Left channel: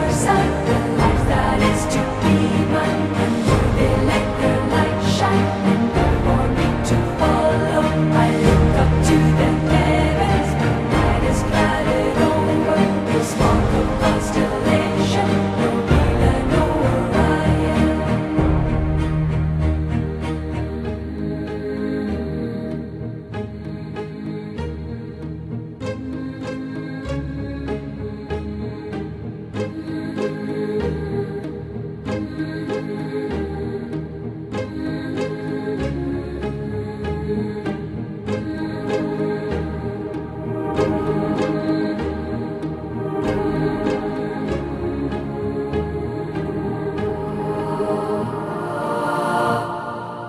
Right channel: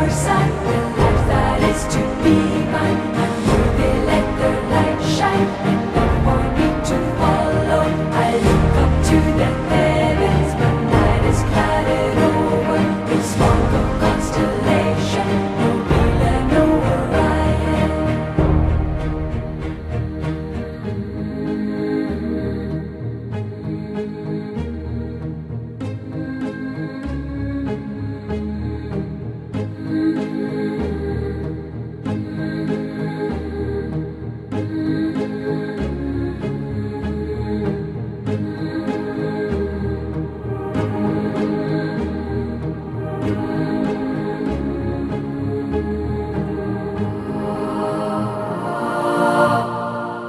your side, the life that is to be mine. And will they let their light shine, and no more need to follow? I look up to the heavens, but night is clouded over. It's smoke of constellation, no Mila, no Orion.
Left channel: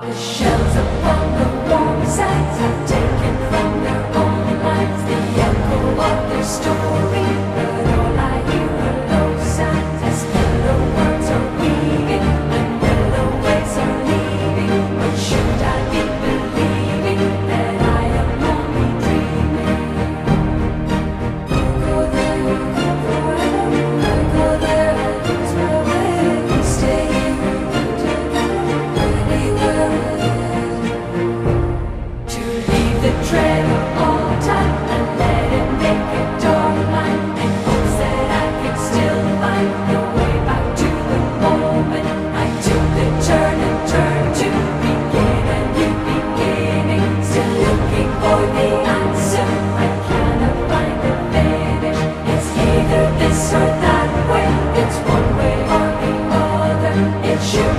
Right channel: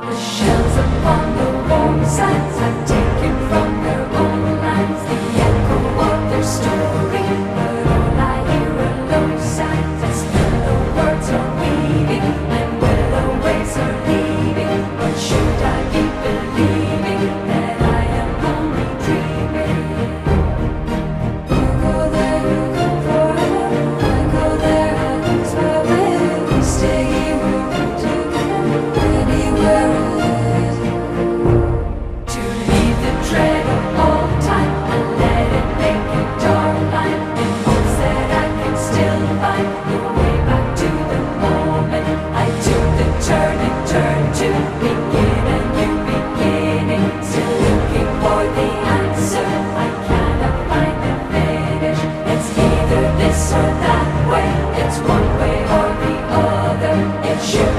The shells upon the roadsides have taken from their own lives the echo of their story, but all I hear are low sighs as willow words are weaving and willow ways are leaving. But should I be believing that I am only dreaming? You go there, you come forever. I go there, I lose my way. We stay here, together, anywhere. To leave the dread of all time and let it make a dark line, in hopes that I can still find the way back to the moment I took the turn and turned to begin a new beginning. Still looking for the answer, I cannot find the finish. It's either this or that way, it's one way or the other. It should